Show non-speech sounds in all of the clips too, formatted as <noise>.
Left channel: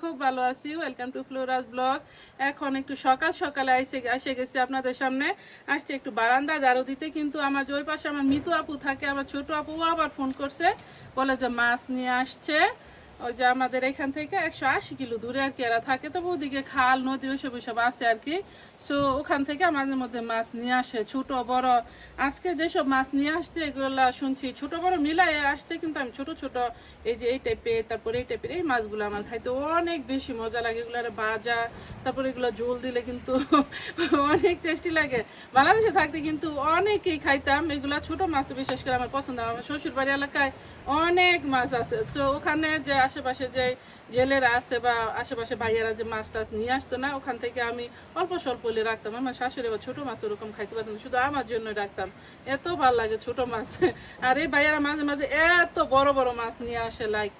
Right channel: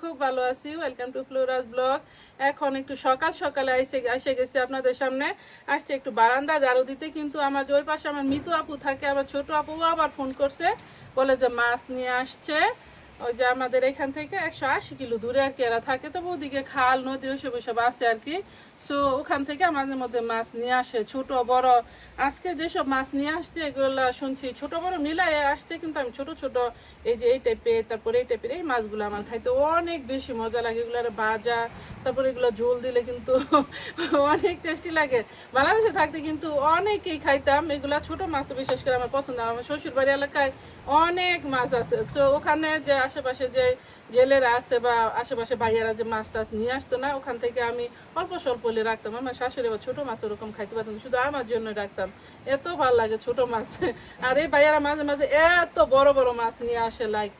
খুব ভালো আছি। ওয়েলকাম টু ব্লগ এখন একটু সকাল আপনাদের সামনে। আসছে একটু বারান্দা দিতে, কিন্তু আমার ওই পাশে আমার মিতু আপু থাকে, আমার ছোট আপু আবার ফোন করছে। বলে যে, মাছ নিয়ে আসছে। ওই যে আমাদের এখান থেকে একশো আশি কিলো দূরে আর কি এরা থাকে তো ওদিকে খাল, নদী ওইসব ওইসব আছে আর কি। সো ওখান থেকে মাঝে মধ্যে মাছ নিয়ে আসে, ছোট, বড়। আজকে যেসব মাছ নিয়ে আসছে, এগুলো শুনছি ছোট, বড় মিলাই আসছে, কিন্তু আমি ছোট ছোট এই যে এই টাইপের তারপরে এই টাইপের এই মাছগুলো আমার খাইতে অনেক বেশি মজা লাগে। এগুলো ভাজা, তারপরে এগুলো ঝোল দিলে কিন্তু <laughs> অনেক টেস্টি লাগে। বাংলাদেশে থাকতে কিন্তু অনেকেই খাইতাম, এগুলা ছোট মাছ তো বিশেষ করে আমার পছন্দ। আমার শ্বশুর বাড়ি এলাকায় অনেক মাছ আছে। সো ওখানে যে আশেপাশে যে জেলেরা আছে বা আশেপাশে ভাইয়ারা যে মাছ টাছ নিয়ে আসতো না, ওখান থেকে আমি অল্প স্বল্প হলে রাখতাম। আমার শাশুড়ি বা ছোট মাছ ওরকম খাইতে পারতাম শুধু আমার জন্য রাখতাম। এত ভালো লাগে ছোট মাছ। আর এই ভাইয়ারা মাঝে মাঝে এত বড় বড় মাছ নিয়ে আসে like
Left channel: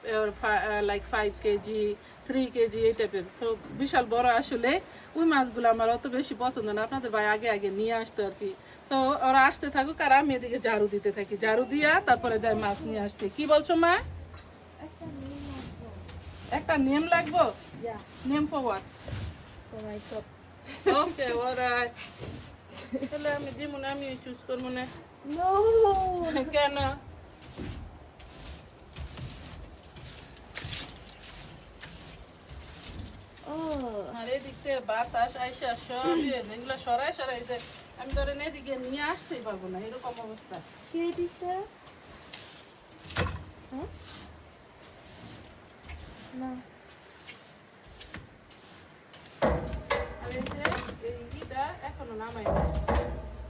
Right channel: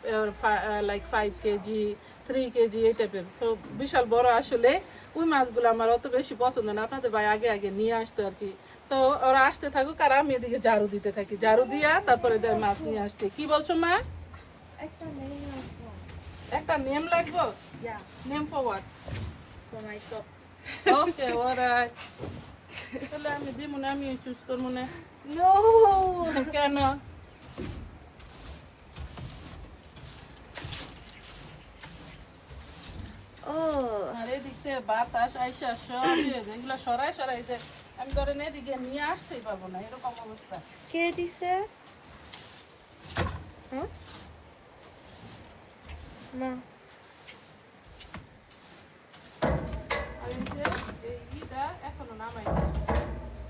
like five KG three KG, এই টাইপের তো বিশাল বড় আসলে ওই মাছগুলো আমার অত বেশি পছন্দ না। আপনাদের ভাই আগে আগে নিয়ে আসতো আর কি। তো ওরা আসতে থাকুক আর আমি এদিকে ঝাড়ু দিতে থাকি। ঝাড়ু দিয়া তারপরে যাই মাছ নিয়ে আসতে। কি বলছো মা? নেম লাগবো? Name for what okay alright তাহলে আমি দিব না আমি চুজ করব না. কেন? Oh. আর এদিক বাতাস আইসা সব যেগুলো সরাই সরাই যে আমি ধরেন এদিকে নিয়ে আসতেই পারব না এরকম অবস্থা। কে দিছে? হ্যাঁ? না এখনও।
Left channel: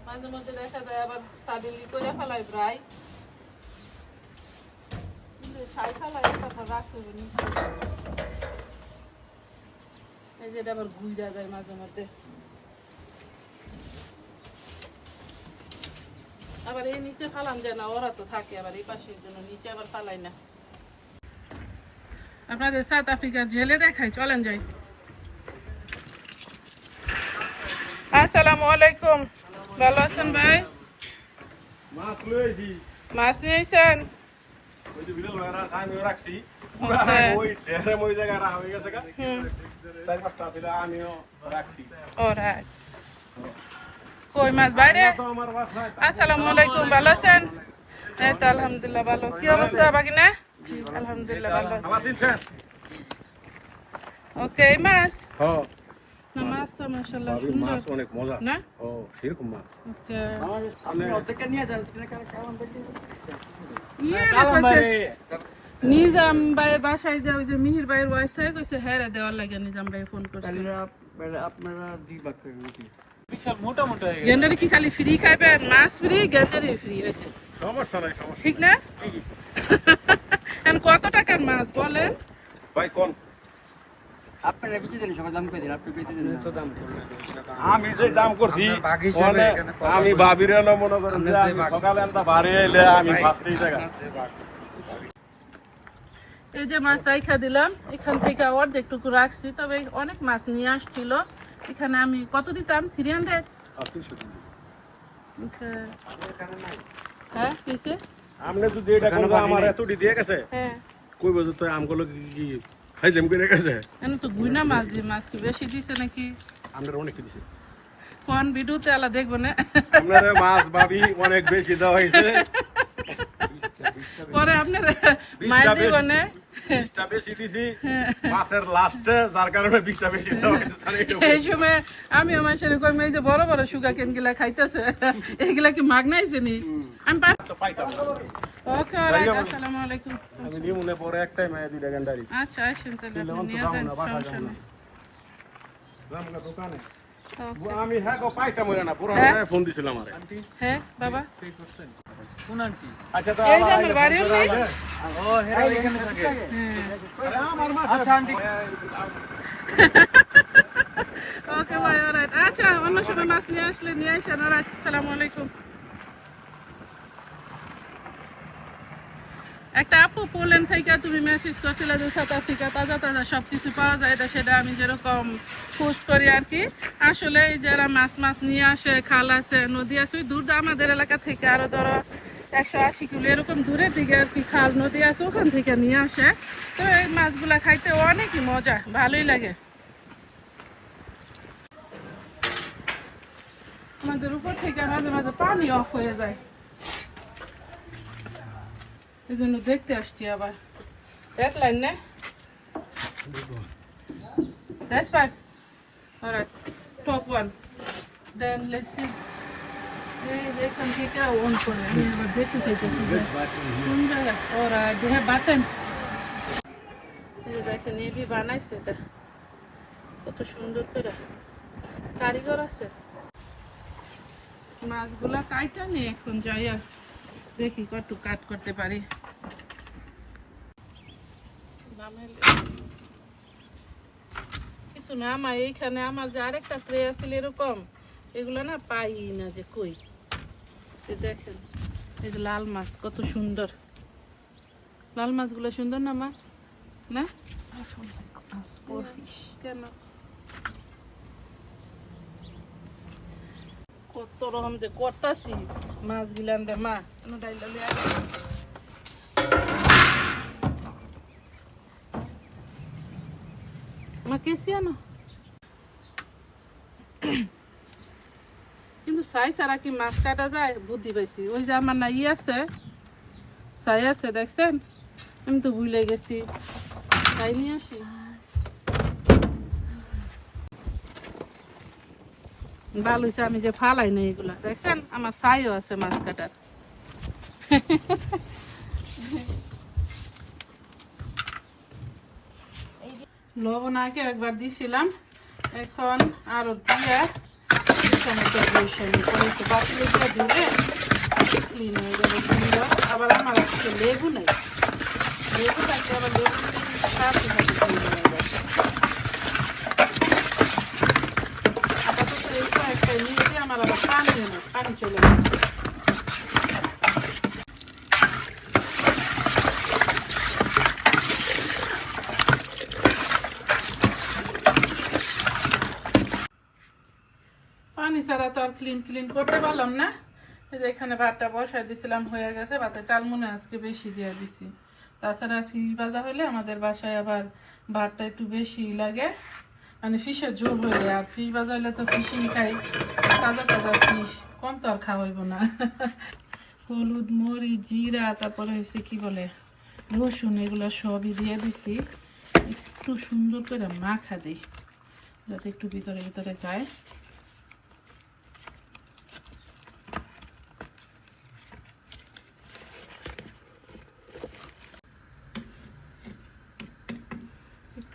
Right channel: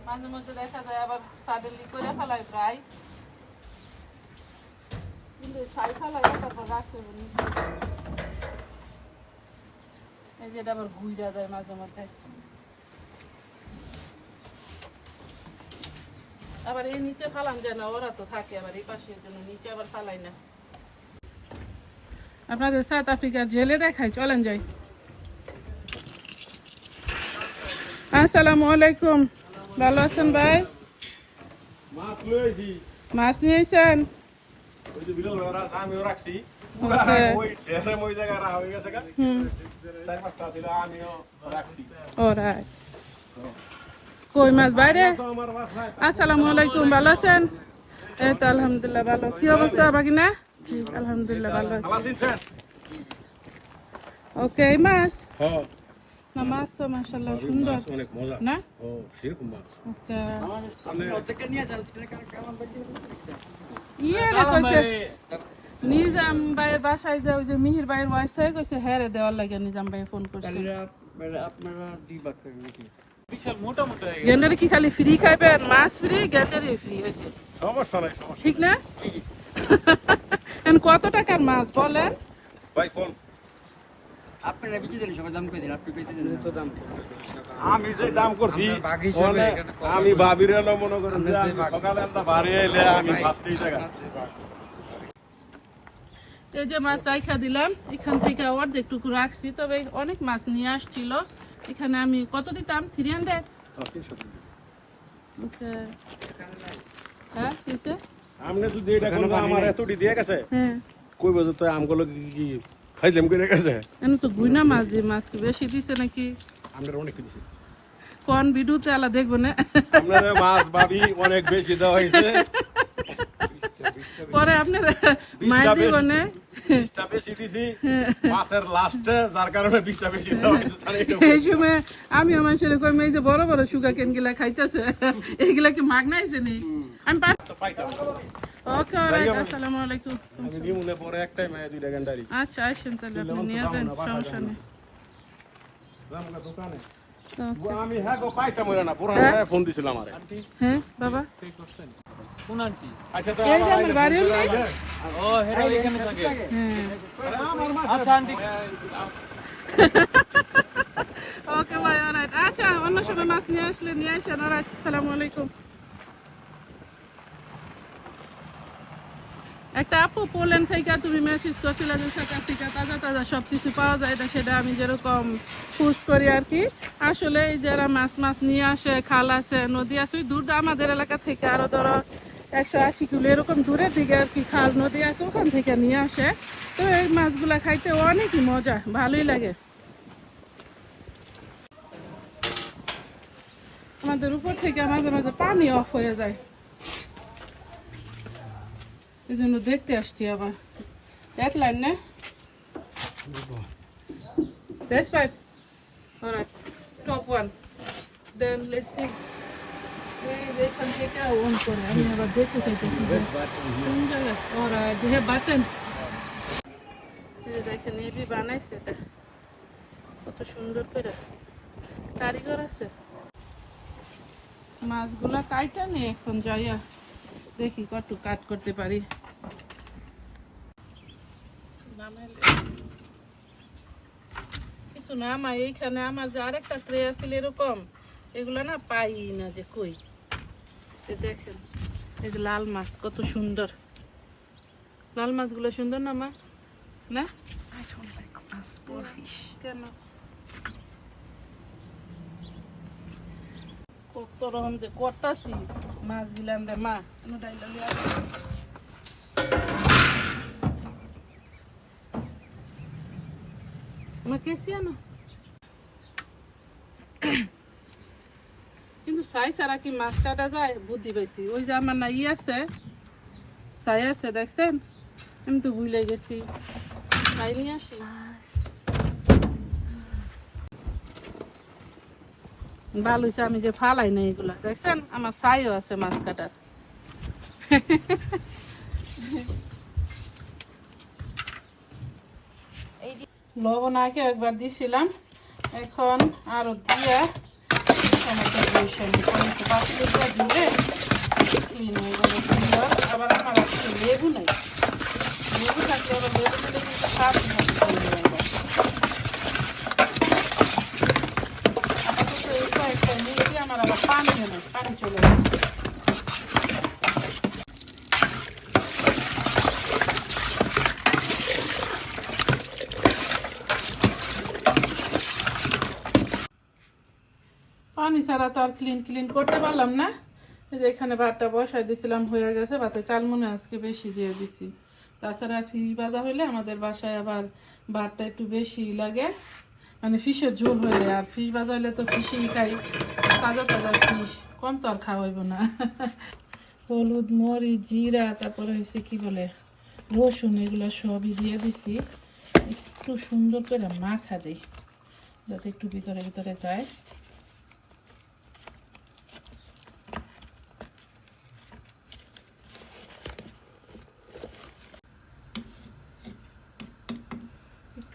মাঝে মধ্যে দেখা যায় আবার প্রায় এই আবার যায় মাঝে মধ্যে আবার এই নিচে ফালান যায় না, ওরা তো থাকে আবার এই পাশের জন্য, নিচে আবার ফালাই না আপনাদের সাউথ আফ্রিকার জেলে দেখাই চলেন যাই। আসসালামু আলাইকুম। ভালো আছেন ভাই? মাছ নিয়েছেন হয়ে। কই মাছ বাইরে? আসসালামু আলাইকুম ভালো আছেন? এই তো আলহামদুলিল্লাহ ভালো। কি অবস্থা বাগিনা? জি আলহামদুলিল্লাহ ভালো আছি ভালো আছেন ওকে এই মাছ হ্যাঁ না মাছ তো মাশাআল্লাহ সুন্দর মাছ অনেক মজা না ও সেরকম মাছ ওকে আমি ইয়ে রে কইছে নিজাম ভাইয়ের বাসায় যে ওই যে মিহির ভাইয়ের ওয়াইফ থেকে কইছে হ্যাঁ রে দেওয়ার লাগে নিজাম ভাই ফোন করছে গেন্ডারে কি খালি ফ্রি খাইবেন মাছ ফ্রি গেন্ডারে ফ্রি হয়েছে সমস্যা নাই সমস্যা ঠিক না <laughs> কত টাকার মাছ বলেন? ভাই কোন? আপনারা দেন দাম দিন আপনি দেন না। আমি যে দাম করছি আমি ভাবির মনে করেন আমি সকালে আনতে বাড়ি এলে আমি ফার্স্টেই টাকা এই যে মাছ রাইখা দিলাম এখান থেকে অর্ধেকটুকু রাখছি তবে অনেক মাছ নিয়ে আসছিল। এখানে আমি কত দিতাম? থ্রি হান্ড্রেড হ্যাঁ কিসে আপনি যদি এটা কোন আমার এতটি দিয়ে গেছে। হ্যাঁ। কই বছর তো আমগুলো কি কি খাইলাম করে গেছে? এমন তো বুইনা মাছ দিয়ে মাছ কি বেশি দিছে নাকি? আপনার অনেক দিছে। কোন ভিডিওতে আলা দেখব না? আপনার মাছ ভাবি অনেক বেশি দেওয়া হয়েছে <laughs> পরে আপনারা মার বিশটা দিব বেশি। না বিশটা বেশি দিছি মাছের লাস্টে যার কারণে বিশটা বেশি দেওয়া হয়েছে তার এইটা এই সময় আমি আমার সাথে কই যে বড় বড় সুগা কেন গিলা খাইতেছে এগুলা কি মাগনাইছে নি? আমি পাইতাম ওকে আসসালামু আলাইকুম। আমি নিমুনে পরে একটাই মায়া দুইটা গেন্ডারি। আচ্ছা আসেন তাহলে আপনি নিয়ে যান সমস্যা নেই। দোকানে. আমি হ্যাঁ গো পাইতাম না পুরো ফোন দিছিলাম আমারে হ্যাঁ বাবা? কোন আন্টি? আচ্ছা তো আবার আইলে ফোন করে আইলে। ও হেরা এখানে থাকে। হ্যাঁ আরে আমার মাছ আচ্ছা আন্টি। <laughs> ওকে ভাই অলরাইট আচ্ছা অন্য সময় মাছ নিয়ে আসলে নিয়ে আসেন অলরাইট আসসালামু আলাইকুম। একটা আপু পোল্যান্ড থেকে তুমি মেসেজ করছিলে যে সাউথ আফ্রিকা তাজা তাজা সব কিছু পাওয়া যায়, এটা সেটা আমি যেরকম পোস্ট করি আর কি আসলে যারা মাছ মাছ নিয়ে আসে, খাল আছে, নদী আছে, ওই দূর আমাদের এলাকা থেকে আরও ধরো একশো আশি কিলো এরকম দূরের দিকে আর কি খাল, নদী আছে, ওখান থেকে নিয়ে আসে। তো এই মাছগুলা খাইতে অনেকই মজা, ভালোই লাগে। আমাদের উপর থেকে মাঝে মাঝে পানি অফ হয়ে যায়। এই জন্য দেখতে আসছি আবার দেখলেন না That's five. Alright. Top one. Then let's see. এই এখান থেকে অন করে, আমি আবার দেখতে চাইতেছি যে কোন জায়গায় Alright. You have button. দেখেন এবি বানাইছে এটা কত সুন্দর করে কারিগর আছে মাছগুলো কাইটা নিয়ে এখন যাইয়া দেখি কত কাট করতে পারি কিছু না আমার এইখানে আমার যে আরেকটা ট্রে আছিল এরকম, এগুলো না পাই না যে কই। দেখেন, এই যে লাল মাছ, কত সুন্দর। লাল মাছগুলো সুন্দর না, মা? না? কেন? কত রকম যে করতাছি মাছ গিলান রে, মা। আনো কিন্তু সাই সারা কি মাছ কাটা যায় বুদ্ধি পাইছি ওই যে আমার না ই আছে সাই আছে দেখছেন আমি তো ভুলে গেছি সাই নিয়ে আসি ভালো হয়েছে আমি যে ফালাই না এগুলা দেখছেন আমার সাইও আছে মাছ কাটার লবণ আগে একবার দিছিলাম এখন আরও দিয়ে টমেটো দিয়েছি আমি। পরে একটু দিলে। আবার আমার একটু লেবু নেই লেবু থাকলে আমার লেবু আমার আবার পানি নেই পানি চলে গেছে ছাড়া তো আর ক্লিন ক্লিন করতে পারলাম না। এই যে এখানে ভাতটা বসাই দিছিলাম, হয়ে গেছে। ভাতে চাল মনে আজকে বেশি দিয়ে দিছি। তাছাড়া ফিশ ভাজা হইলে আমাদের বাসায় আবার ভাতটা একটু বেশি লাগে। মানে ফিশের ঝোল হইলে আর ফিশ ভাজা হইলে তো ফিশই খাই। তাজা তাজা ফিশ। কম তো আর খাওয়াইব না। হলুদ মরি জিরা, তারপরে হয়েছে কি বলে? রসুন, এগুলো সবই দিয়ে দিছি। একটু সুন্দর করে মাখা দিই যাতে একটু ভিতরে ভিতরে যায়।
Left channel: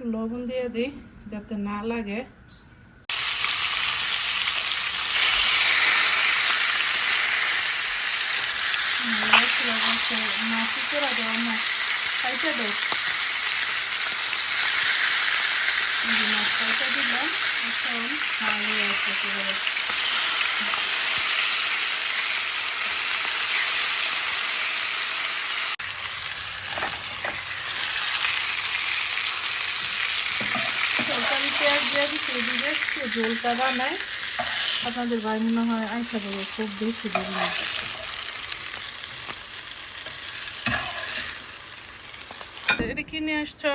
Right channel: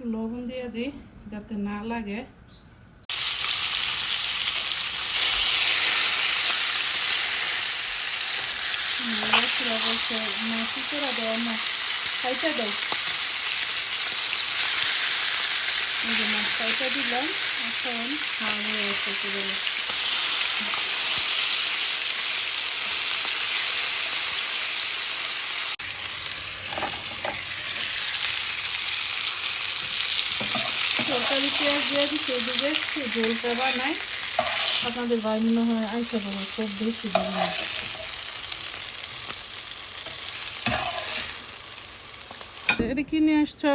একটু লবণ দিয়ে দিই, যাতে না লাগে। মাছি করে দেওয়া না খাইতে দেয় মাছটা দিলাম এখন এদিকে একটু বানাই। আপনাদের ভাই মনে হয় আইসা বলে খুব বেশি এটা কি নিয়ে আসছো?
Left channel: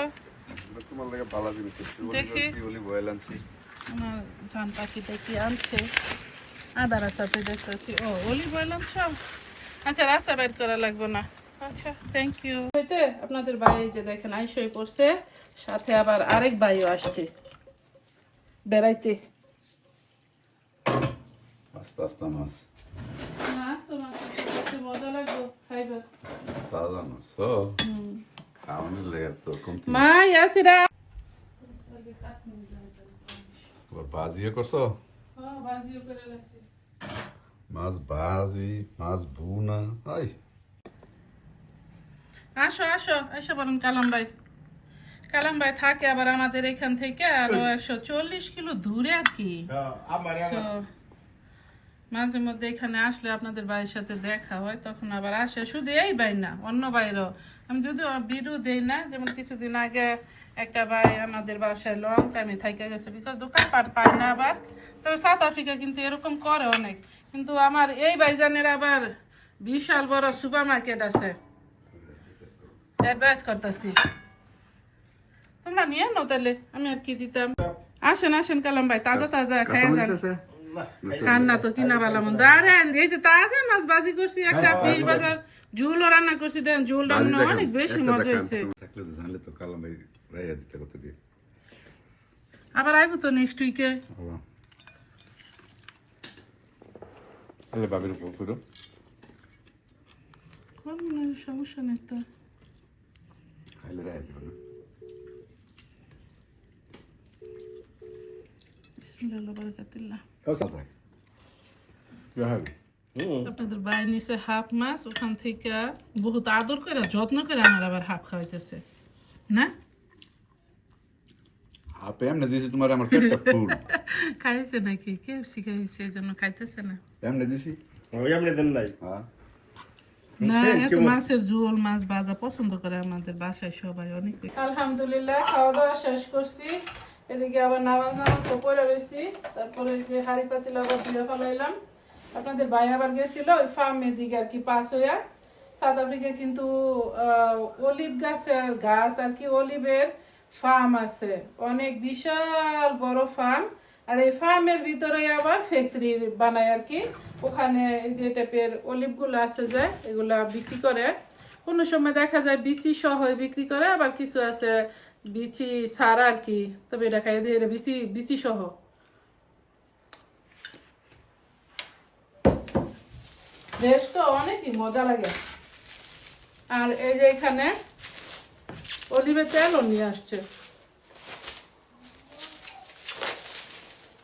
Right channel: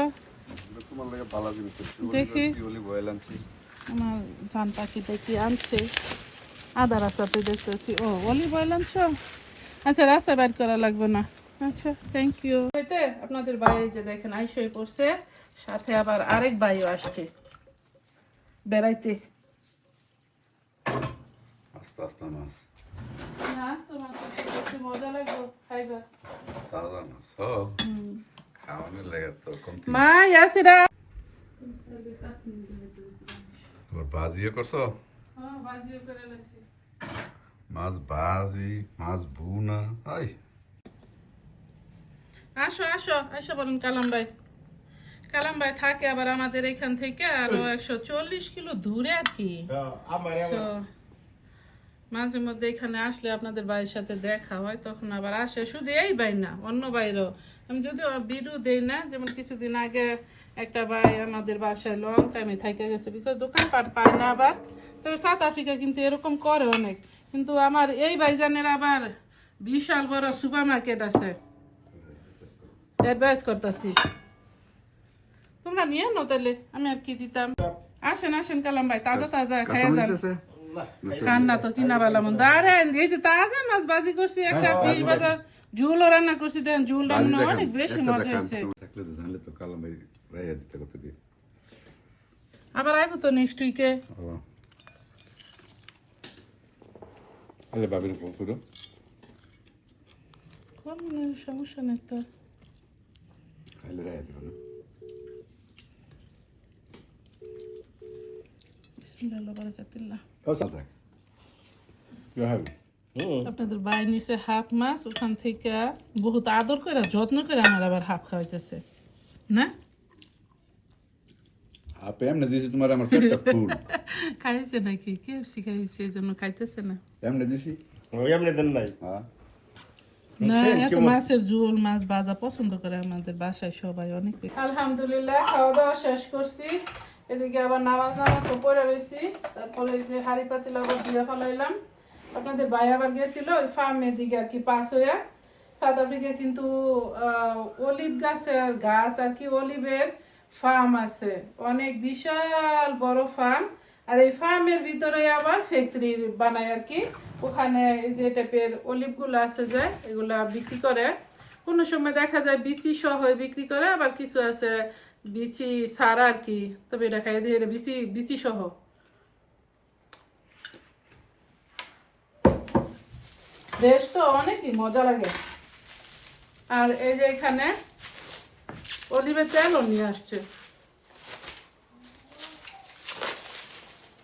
তোমার লাগে ভালো জিনিস দেখি। আনছি। আমার জান পাখি দেখি আনছে। আদা রাস্তাতে দেখতেছি। ও অলিভ অয়েল আনছো? আচ্ছা রাস্তা করা লাগবে না। আচ্ছা থ্যাংক ইউ হইতে আপনাদের যে দেখেন আইসই পড়ছে। সাথে আবার আরেক ভাইও আসছে। বেড়াইতে আস্তে আস্তে মাছ কাছে মজা লাগবে খাইবা তাজা মাছ ও খাওয়ানোর লেগে তো কমতি মা ইয়াসিরা তোমার বাজিও করছ ও বাজিও করে লাগছে মাছ বাজি মাছ বুনা আই আসো আসো এসে বলুন কালাম ভাই কালাম ভাই থাকে আবার আমাদের এখান থেকে আরও একশো চল্লিশ কিলো দূরে আর কি। তো মাঝে মধ্যে এখানে আসলে আপনাদের ভাইয়ের সাথে দেখা হয় তখন আবার আসে। শুধু এই ভাই না অন্য বাইরও আমি যদি ভিডিও দেই না যেমন কিছুদিন আগে একটা ভাই আমাদের বাসায় লং টাইমে থাইকা গেছে বিকজ দোকান পাট পায় না আবার। তবে সাউথ আফ্রিকা কিন্তু এরকম করে অনেক। কিন্তু আমার এই ভাইজানের আবার বিশাল বড় সুপার মার্কেট আছে। অ্যাডভাইস করতেছি। তোমরা নিয়ে নো তাহলে আমি আর কি দিতাম। আসেন আসেন কালাম ভাই তাজা তাজা খাই যান। রান্না তো কিনা বেলা মন আরে এই যে তাজা মাছ বাজি করছি একটা পিস বাজার ঝুলও রান্না করছি দেন ঝুল রান্না অনেক বেশি মজা হয়েছে। থাকলে তো জানলে তো কালাম ভাই রাইয়া দিতে কত দিয়ে। আবার আইবো তো নেক্সট উইকে বাবির করো। সমস্যা নেই তো। খাইলে রাইয়া দিবে না। বিসমিল্লাহ বারাকাতুল্লাহ। কৌশল যায় কি হবে আপনাদের বাই নিচে হাফ মাছ ওখান থেকে বহুত আদর করে যত্ন করে আমার আবার হাফ খাওয়াইতেছে। না? হাপে এমনি দিয়েছি তোমার আমার পেটটা ফুল। <laughs> খাইছে নাকি? কে শিখাইছে এই খাইতেছে না? এমনি দিছি? ওই এমনি দেন নাই। হ্যাঁ। না এত মাছের ঝোল মাছ ভাজা পছন্দ করে আমাদের বাসায় সবাই অনেক। আলহামদুলিল্লাহ খাওয়া দাওয়া শেষ করছি। এদিকে আবার নামাজ নামাজ পড়ে রয়েছি। তারপরে যে হাড়ি পাতিল আবার ধুয়ে ফেলাইলাম। আপনাদের ভাই আবার গেছিল, ওই ফার্মের দিকে আর কি পাস হইয়া। সাউথ আফ্রিকা কিন্তু অলিভ গাছের গাছ আর কি অলিভের ফার্ম আছে। অনেক বিশাল বড় ফার্ম আর এই ফার্মের ভিতরে আবার ফ্যাক্টরি বানায় আর কি। ওখানে যে টাইপের অলিভগুলো আছে যে, এগুলা বিক্রি করে। কোনো সময় দেখা যায় বিচি সহ বিক্রি করে, আবার কিছু আছে বিচি ছাড়া আর কি, তবে এটা খাই দিয়ে বিচি বিচি সহ। বেশ তো, অনেকই মজা লাগে। আর এই যে এখানে অলিভের তেলও নিয়ে আসছে।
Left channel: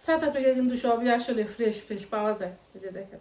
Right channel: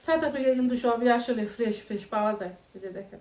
ছাতা আফ্রিকায় কিন্তু সবই আসলে ফ্রেশ ফ্রেশ পাওয়া যায়, এই যে দেখেন।